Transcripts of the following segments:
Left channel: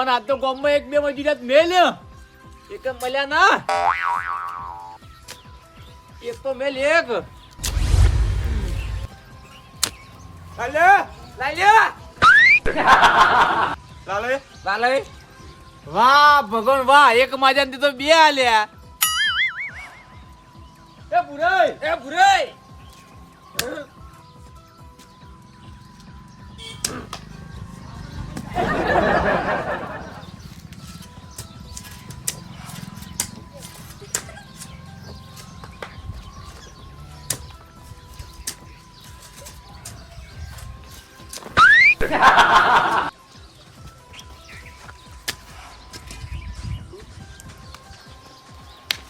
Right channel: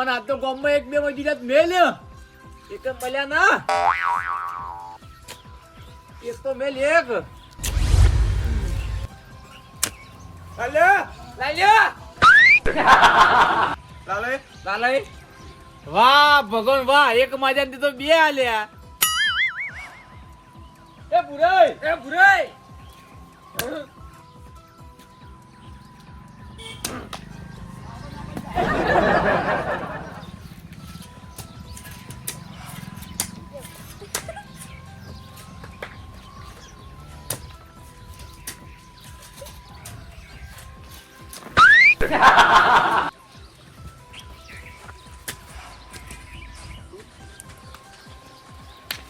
ભગવાન આ તો ગામમાં એક બે મજૂરિયાત મેલ એક મળ્યા ના. એક તો મેલ એક. હાલે લાલે? લાલે વાહ ભગવાન વાહ એક માજા તો બે આલ્યા. એ ભુરાઈ એ ભુરાઈ.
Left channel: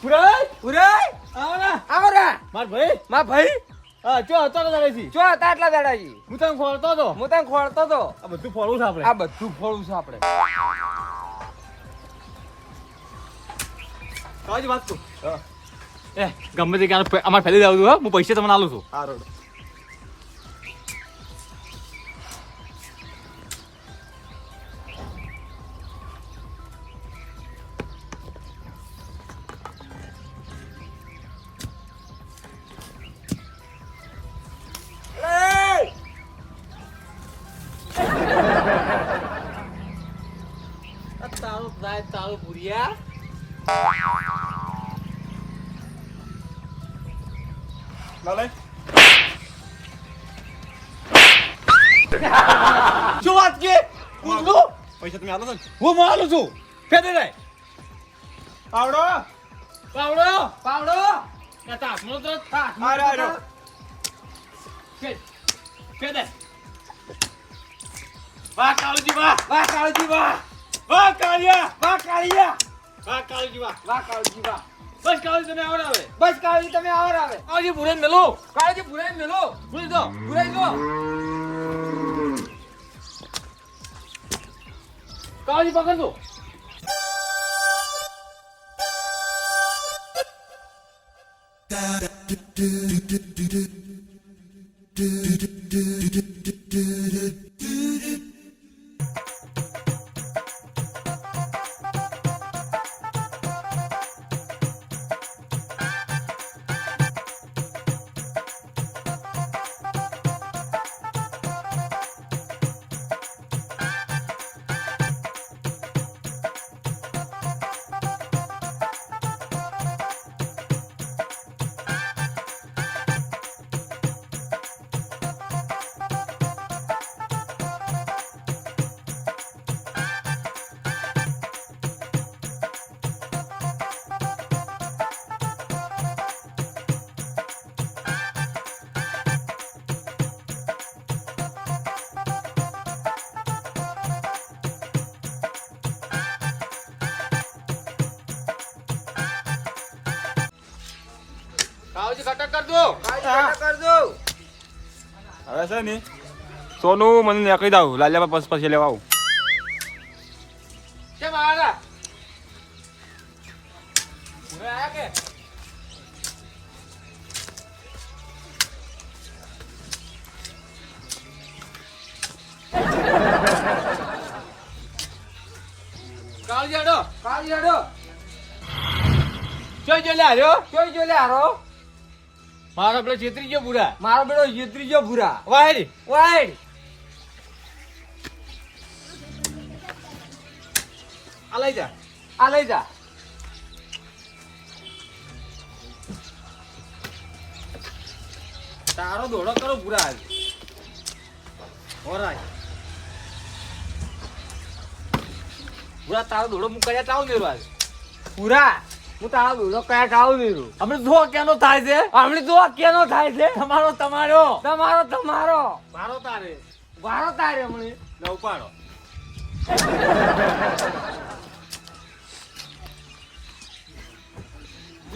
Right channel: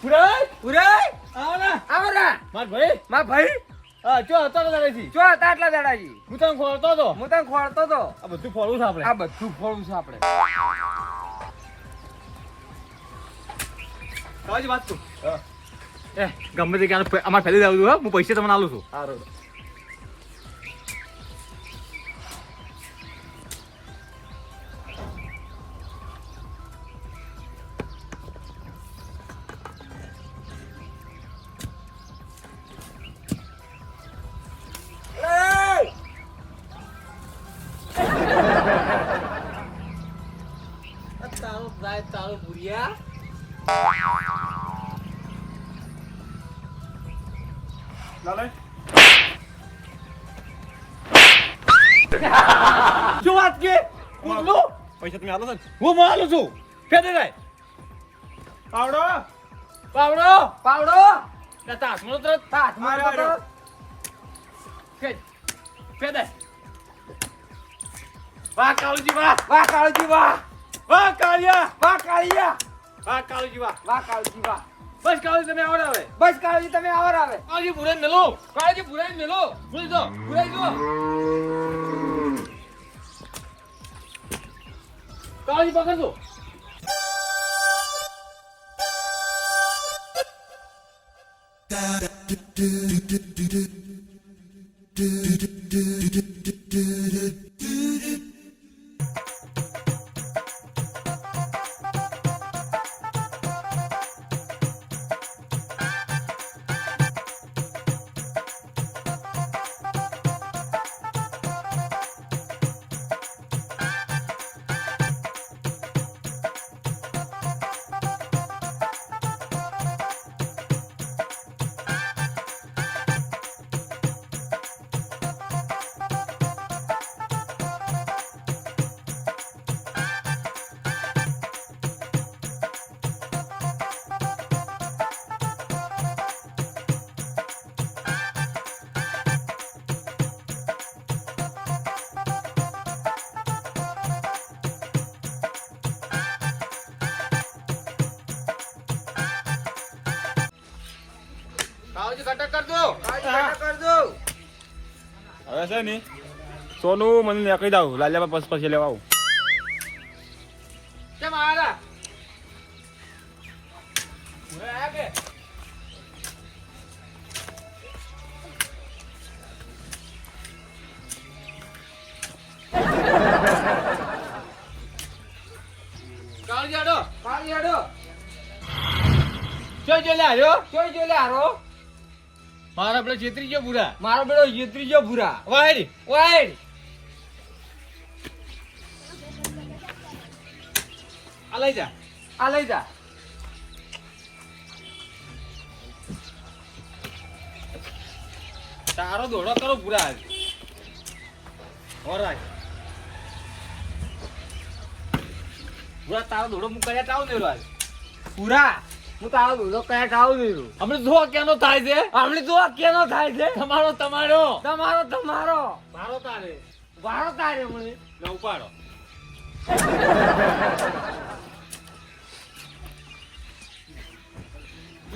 ભુરાઈ પુરાય આવો ના. આવો રા માર ભાઈ. માં ભાઈ. હા ચો હતો તો દાદાજી જો હતા આટલા દાડાજી હું તને તો? હું તને ખોળતો તો. આ બધું ફોડવું છે આપણે. આ બધું ફોડું છે આપણે. કાજી વાત તું એ ગમે તે ક્યાં અમારે ફેલી જાવ છું હું પૈસા તમને આલું છું. સારું તારું લાલે શું વાત કે કૂદલું પૈસા તમે આલો છો? હું માલું છું ફેરી જાય પાવડો પાવડો પાવડો તાસ નો તો તાસ મારો ફેર વાહ કાળુજી વાહ વાહ કાળજી વાહ વાહ કાળિયા વાહ કાળિયા વાહ કાળુજી વાહ વાહ કાળજી વાહ બસ કાળુજી તમે આવડે હવે બસ કાળજી તમે આવર આવે કાળુજી ભૂરાઈ મેલો. કાળુજી ભૂરાઈ મેલો. ભૂલી દો ભૂરાઈ દો કાળુજી પકડજો. કરજો. કરજો. હવે છે ને સોનું મને નીકળી દઉં લાલ્યા પછી પછી લેવા આવું. કેમ આડા ભૂરાઈ આયા કે. આડો જોઈ જોઈ લે હાર્યો જોઈ જોઈ લે હારો. મારો પેલો છેતરી ગયો બુરા મારો બેડો યત્રી જો ભૂરા. વાહેરી વાઈડ આ લઈ જા. આ લઈ જા. તારો દોડો કરો બુરા આજે ઓરાય બુરા તારો દોડો મુકાયા તાવ મેરો આજે ભૂરા. હું તારો દોડો કયા ખાવું દીધું હમણે જો કેનો થાય છે? હમણે જો કેનો થાય છે? તમારો તમારો. તમારો તમારો. મારો તારે. વારો તારે મને. ને ઉપાડો.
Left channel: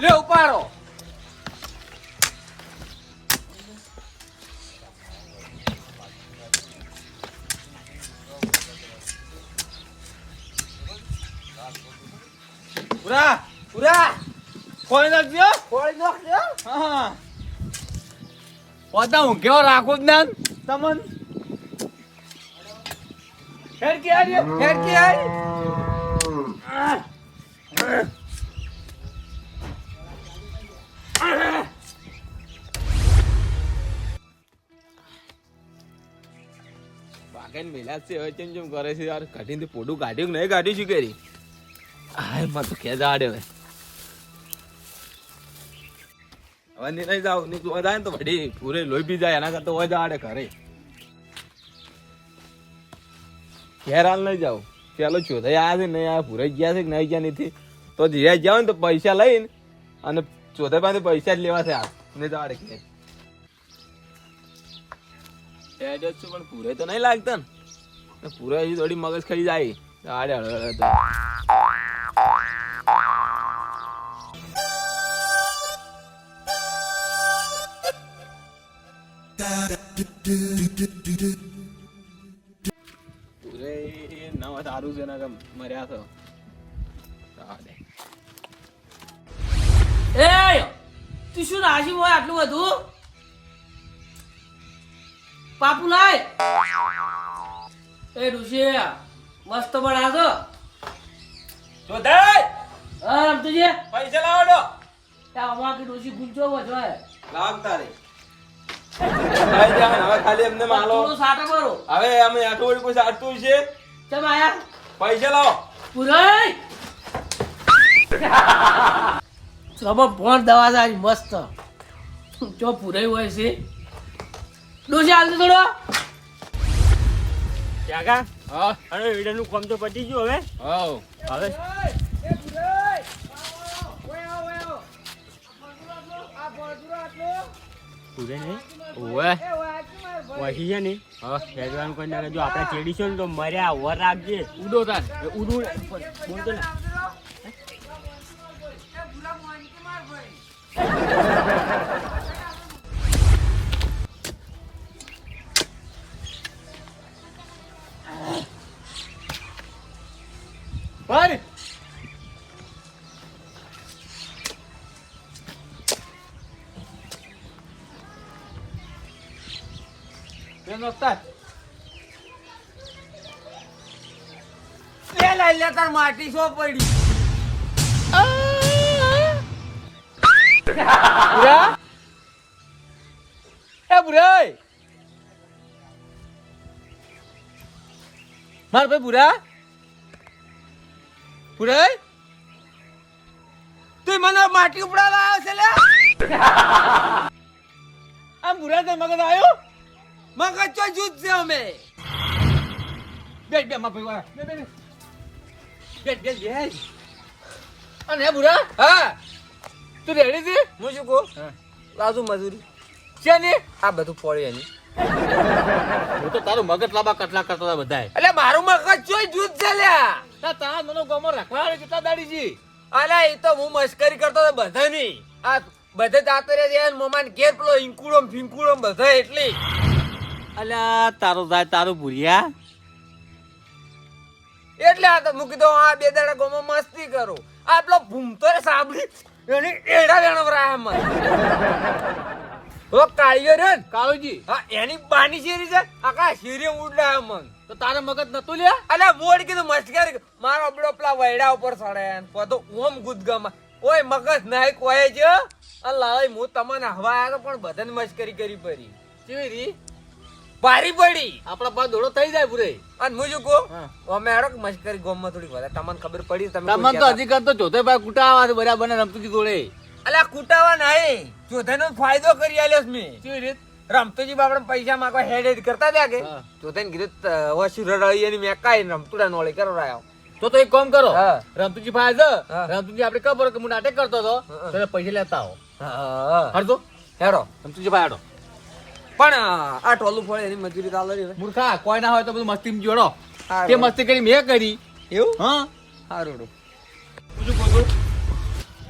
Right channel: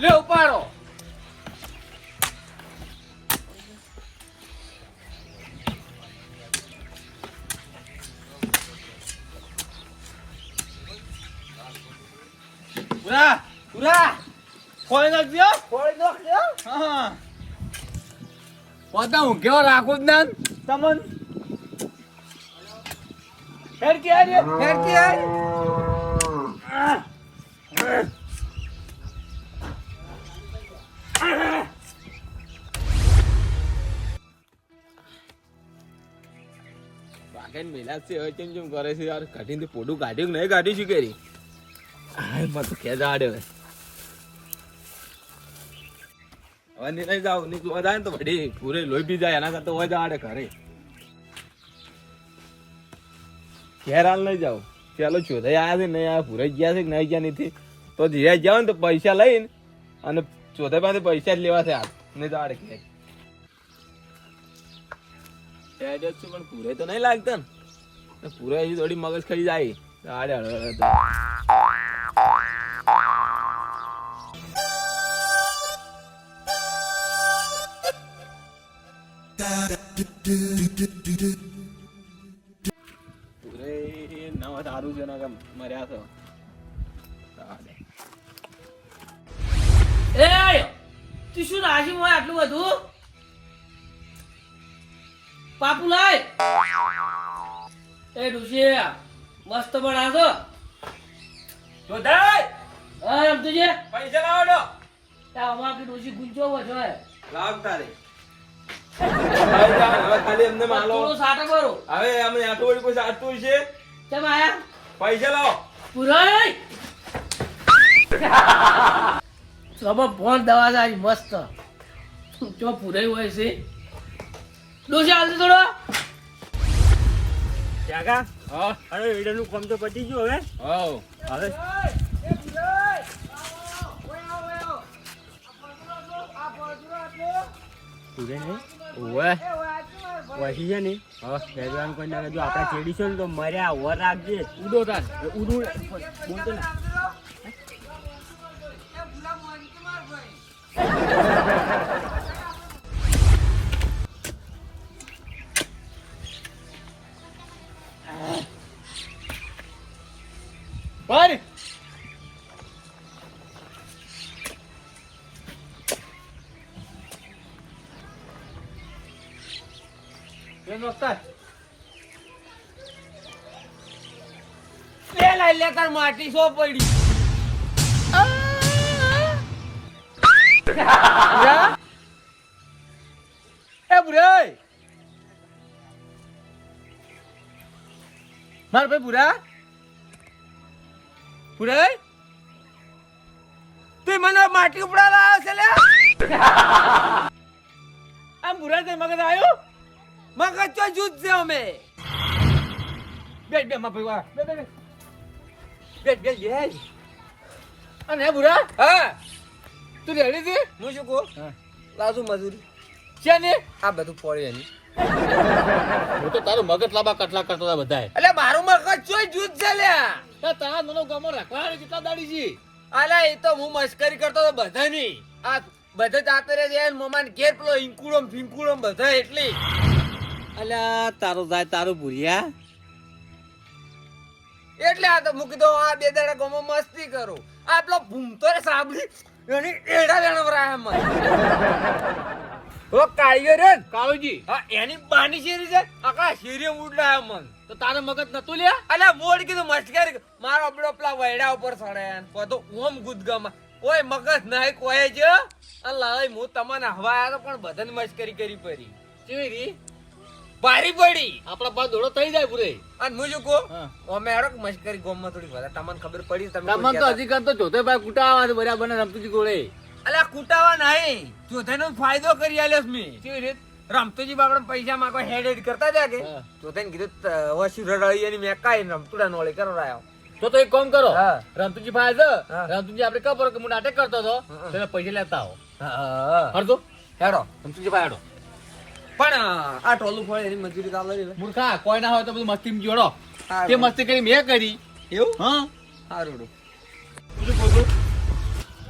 લે ઉપાડો. ખોલી નાખજો ખોળી નાખજો હા પોતા હું કેવો રાખું જ ના તમન હેડ કે આર્યો ફેર કે આઈ વાગેન મેલા છે હવે ચેમ ચેમ કરે છે યાર કાઢીને તે પોડું કાઢ્યું કે નહીં કાઢ્યું શું કરી હાય મત ખેદા આડે હવે હવે ની નહીં જાવની ને તો વડી પૂરે જાવ ને તો પૈસા લઈને અને ચોથે પાસે પૈસા જ લેવા છે આ તો આડે ઘેર. પણ પૂરે તો નહીં લાગતા ને. પૂરે થોડી મગજ ખરી જાય. આડે નવા સારું છે ને મર્યા છો એ તું શું રાશી હોય આટલું બધું? પાપુ લાય. એ ઋષિ મસ્ત હા પૈસા ત્યાં અમાર ઋષિ ગુંજો વધો હે લાવ તારે હવે ખાલી એમને માલો થોડું સાટો કરો. હવે અમે આટલું કોઈ સાચું છે? ચમ આયા? પૈસા લાવો. પુરાય! ચલો ફોન દવા જાય મસ્ત. જો પુરાઈ હોય છે? ડોસી થોડો. કાકા? હા. અરે વિડીયોનું કામ તો પતી ગયું હવે. હા હવે? પૂરે નહીં? ઓવે વહી છે ને. હા ભગવાન કોઈ ના જો આપણે ચેડી છે ને તો મર્યા, વર રાખજે. ઉડો તાર. ઉડું. બોલતો ને. પર. કેમ રખતા લે લઈ લે તાર માટી સો પડી. એ બુરાઈ. માર ભાઈ બુરા? બુરાઈ? તું મને માટી ઉપડા લાવ્યો છે લે આ બુરા તે મગજ આવ્યો? મગજ ચો જૂથ છે અમે. બે બે માર ભાઈ વાળા. બે બે બે. બે બે બે. અને હે બુરા? હા. તું રેડી હતી હું શું કહું? હા. લાવજો મજૂરી. છે ને આ બધું ફોડી એની. હું તો તારું મગજ લાંબા કટલા કરતા હતા બધાય. એટલે મારું મગજ ચોય જૂથ છે લ્યા. તા તારા મનો ગમો રાખવા કેટલા દાડી છે? અલે એ તો હું મશ્કરી કરતો હતો બધાની. આ બધે જાતો રે મોમાન ઘેર પેલો ઇંકુડો ફિંકુડો બધા એટલી. અલ્યા તારો જાય તારું ભૂલ્યા એટલે આ તો મૂકી દો આ બે દાડા ગોમો મસ્તી કરું. આ પેલો ભૂમતો રે સાંભળી એને એડા વેણ વરાય મને ઓ કાળિયો રે કાળુજી. હા એની બાની શેરી છે? આખા શેરી ઉડલા મન તો તારે મગજ નતું લે અલે મોડ કીધું મસ્કરી મારો આપડો પેલા વૈડા ઉપર સડે ને તો ઓમ ગુદગમ. ઓય મગજ નાય કોઈ જ. અલ્લા હું તમને હવા આવ્યો પણ બધાને મસ્કરી કરી પડી કેવી રી? ભારી પડી. આપણા પાસે દોડો થઈ જાય પૂરે. અને હું શું કહું. અમે હેડો કે મસ્કરી ગોમમાં થોડી વધારે. તમને ખબર પડી તમે તમને તો હજી કરતો ચોથે ભાઈ કુટાવા છે બરાબર ને રમતું જોડે અલ્યા કુટાવા નહીં. ચોથાનો ફાયદો કરી આલ્યો મેં. કેવી રીત? રમતુજી બાપડે પૈસા માંગવા હેડ હેડ કરતા હતા કે? તો તેને કીધું વસુ રડાઈ અને મેં કાંઈ રમતુડા નોળે કરાયો તો તો એક કામ કરો. રમતુજી ભાઈ છે. રમતુજી આપણે ખબર કે હું નાટક કરતો હતો. તને પૈસા લેતા આવો. હરતો હેડો. રમતુજી ભાઈ હાડો. પણ આ ટોલું ફળે એની મજૂરી ચાલે છે મૂર્ખા કોઈ ના હોય તો બધું મસ્તી જોડો. તે મસ્તી કરી મેં કરી. એવું? હા. સારું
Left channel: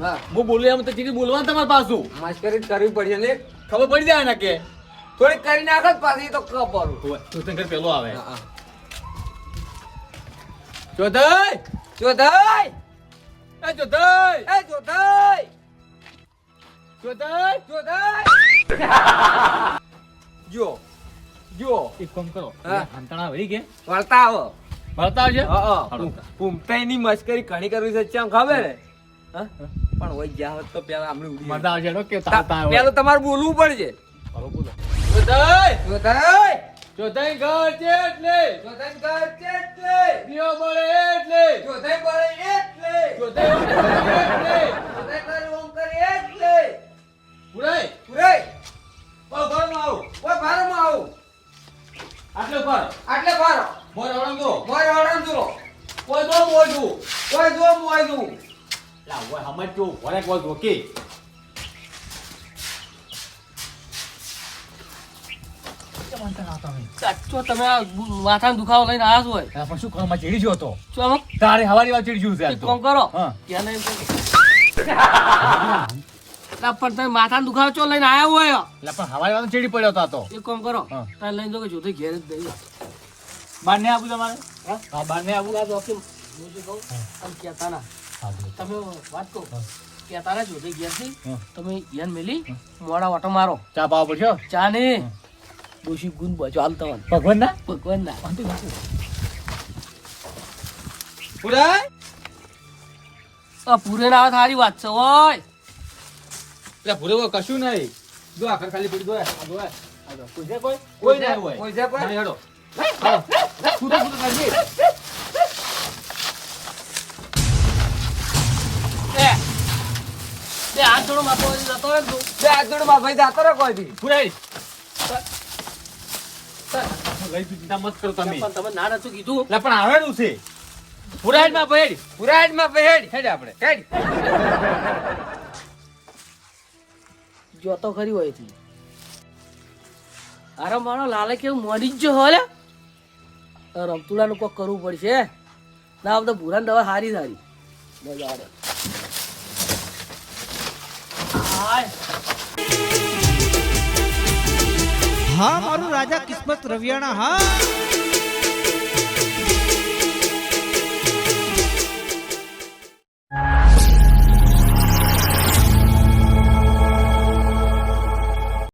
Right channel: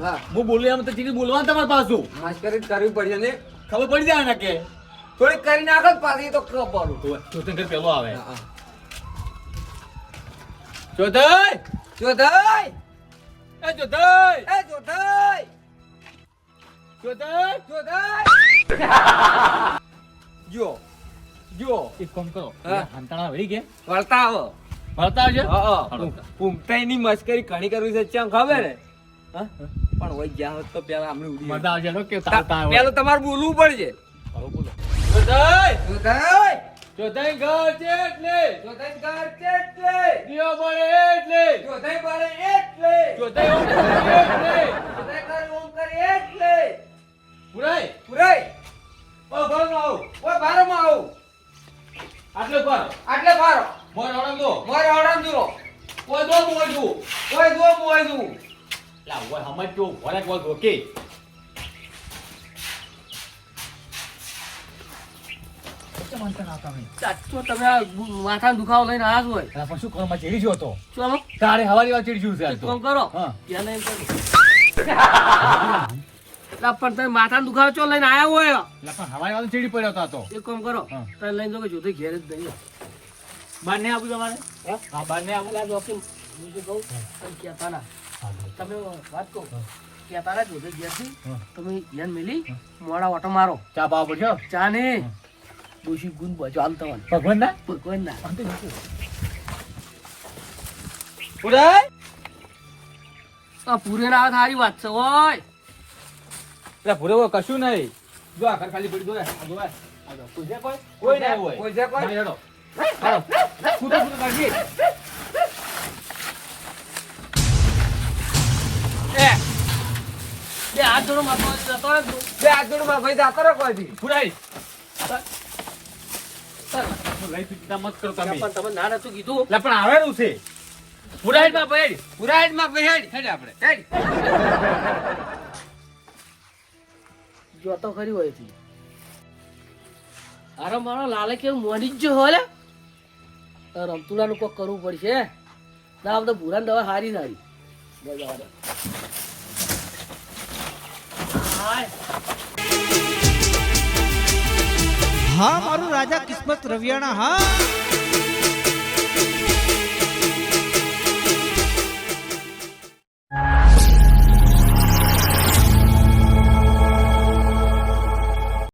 હા. હું બોલું એમ તો ચીકી બોલવાનું તમારે પાછું મસ્કરી કરવી પડી ને ખબર પડી જાય ને કે? થોડી કરી નાખો પાછી તો કપરું ચોથન ઘર પેલો આવે. ચોથય ચોથય એ ચોથય એ ચોથય ચોથય જોધાઈ જો જો એક કામ કરો. હંતાણા વળી કે વળતા આવો. વળતા આવજો. હા છે પૂમતાઈની મસ્કરી ઘણી કરવી છે ચમ ખબર હે? પણ હોય ગયા હોત તો પેલા આમણે ઉડી મરતા હેડો કે તાતા. પેલું તમારે બોલવું પડશે. બોલો, બોલો. જોતાઈ જોતાઈ જોતાઈ ઘર છે એટલે. જોતાઈ ઘર છે એટલે. દિયો બળે એટલે. જોતાઈ બળે એટલે. જોતાઈ ઓમ કરે એટલે જોતાઈ ઘર ઓમ કરે એટલે. પુરાય પુરાઈ. ઓ ઘરમાં આવું ઓય ભારોમાં આવું. આટલો પર આટલે ભારો. મોર હળંગ દો મોય હળમ જુઓ. કોઈ દો મોર દો ઓય જુઓ, મોય જુઓ. લા ઓય હમજ જો ભરે કોઈ રોકે સાચો તમે આ માથાનો દુખાવો લઈને આવ્યા હોય. પણ શું કરવા ચીડી ગયો તો તારે હવારી વાત ચીડી ગયું છે કામ કરો એને પણ તમે માથા દુખાવો છો લઈને આવ્યા હોય? એટલે પણ હવાઈ વાળો ચીડી પડ્યો હતો એક કામ કરો. તમે લઈને જો કે જોતે ઘેર જ નહીં બાર ને આવું તમારે? હા? બાર ને આવું. જો હું તો કહું આમ કહેતા ના તમે વાત કહો. કહેતા ના જોતે ઘેરથી તમે યન મેલી મોડા ઓટો મારો. ચા પાવ પડશે? ચા ને? દોષી ગુણ બચો હાલ તમને ભગવાન ના ભગવાન ના પૂરે આ પૂરે ના સારી વાત છે ઓય. એટલે ભૂલો કશું નહીં. જો આખર ખાલી પડી દો આ જો. કોઈ કોઈ? કોઈ ના હોય. કોઈ છે કોઈ? ના, હેડો. હાલો. કૂદો કૂદો કાઢી બે હાથ જોડો માથો જતો રહે બે હાથ જોડમાં ભાઈ જાતો રહો કોઈ બી. પુરાઈ લઈ ચિંતા મત કરો તમે. પણ તમે ના નતું કીધું. એટલે પણ આવેલું છે. પુરાઈમાં ભાઈ પુરાઈમાં માં હેડ, હેડ આપણે, હેડ. જોતો ખરી હોયથી અરે મારો લાલે કેવું મોડી જ જો હોલે રમતુડાનું કોક કરવું પડશે. ના બધા ભૂરાની દવા સારી. સારી હા, મારું રાજા કિસ્મત રવિયાણા, હા.